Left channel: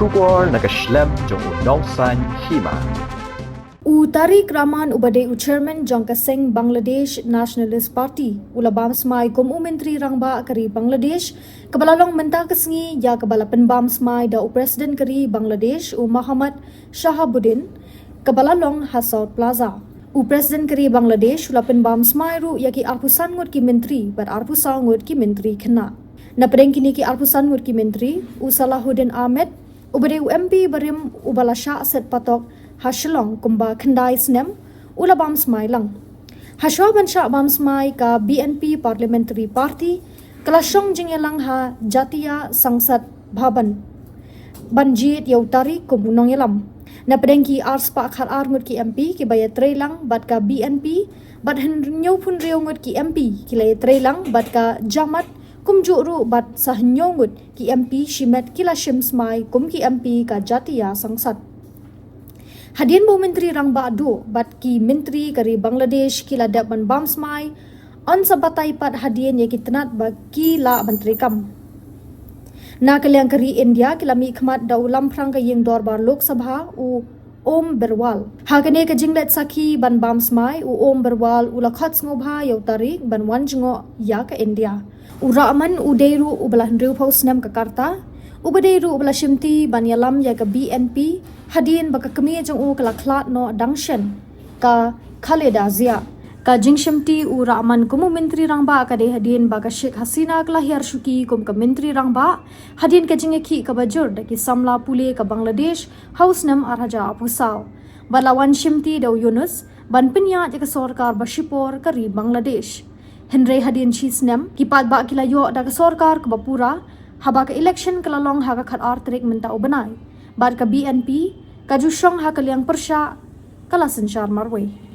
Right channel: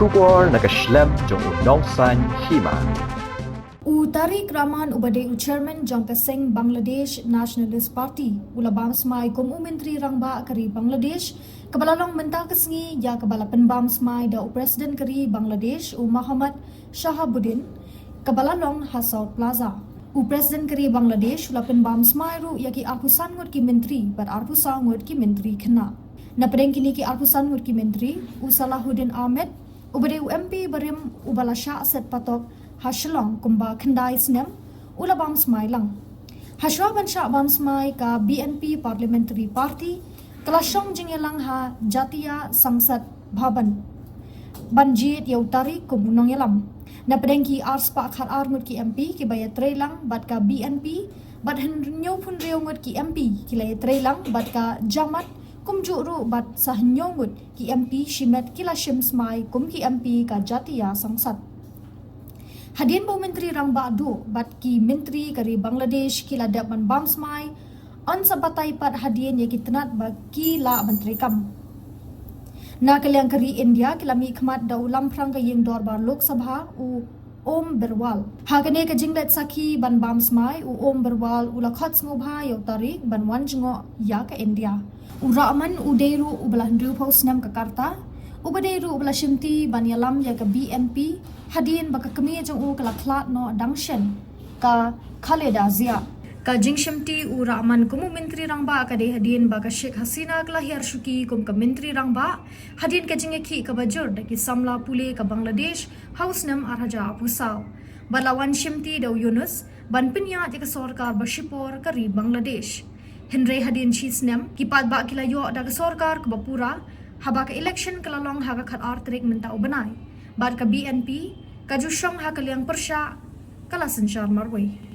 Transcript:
Bersyukur nakaslam jong unongsan Hima. Tarique Rahman ubadai chairman jong kaseng Bangladesh Nationalist Party ula Bamsmai kum Myntri rangba kari Bangladesh kebalalong mentah kesengi ya kebalapan Bamsmai da presiden kari Bangladesh Muhammad Salahuddien kebalalong Hasal Plaza presiden kari Bangladesh ulapan Bamsmai ru yaki arpusan ngut ki Myntri bar arpusan ngut ki Myntri kena na pedeng kini ki arpusan ngut ki Myntri Salahuddien Ahmed ubadai MP barim ubala Shah set patok Hashalong kumba kendai snem ula Bamsmai lang. Haswa bansha Bamsmai ka BNP Parliamentary Party kelasong jengelang ha Jatiya Sangsad Bhaban. Banjit yau Tarique kumbunong yelam. Na pedengki ars pa akhar ngut ki MP ki baya trailang bat ka BNP bat henyo pun reu ngut ki MP ki lay trailang bat ka jamat kumjuk ru bat sahnyo ngut ki MP shimet kila shimsmai kum ki MP ka Jatiya Sangsad. Hadian bu Myntri rang ba'du bat ki Myntri kari Bangladesh ki ladap ban Bamsmai on sabatai pat hadian ye ki tenat ba ki la Myntri kam. Na kaliang kari India ki lami khmat da ulam prang ka yeng dorbar Lok Sabha Om Berwal. Hagane ka jinglet saki ban Bamsmai Om Berwal ula khat ngobha yau Tarique ban wan jingo ya ka India. Rahman udeiru ubalah ndru pos nam ka Karta ubadeiru ubala shimti ban yalam ya ka BNP hadian baka kemi jong kala klat no dangshan ka Khaleda Zia ka jingshimti Rahman kumu Myntri rangba ka de hadian baka Sheikh Hasina kala hiar shuki kum ka Myntri rangba hadian ka jingeki ka bajur da ki samla pule ka Bangladesh house nam araja apusal balawan shimti daw Yunus ban pinya ka sarkar bashipor kari Bangladesh Henry hadian chisnem kipat ba kila yo da ka sarkar ka bapura haba ka election kalalong ha ka khat Tarique minta ubanai bar ka BNP kajusyong ha kaliang persya kalasan syar marway.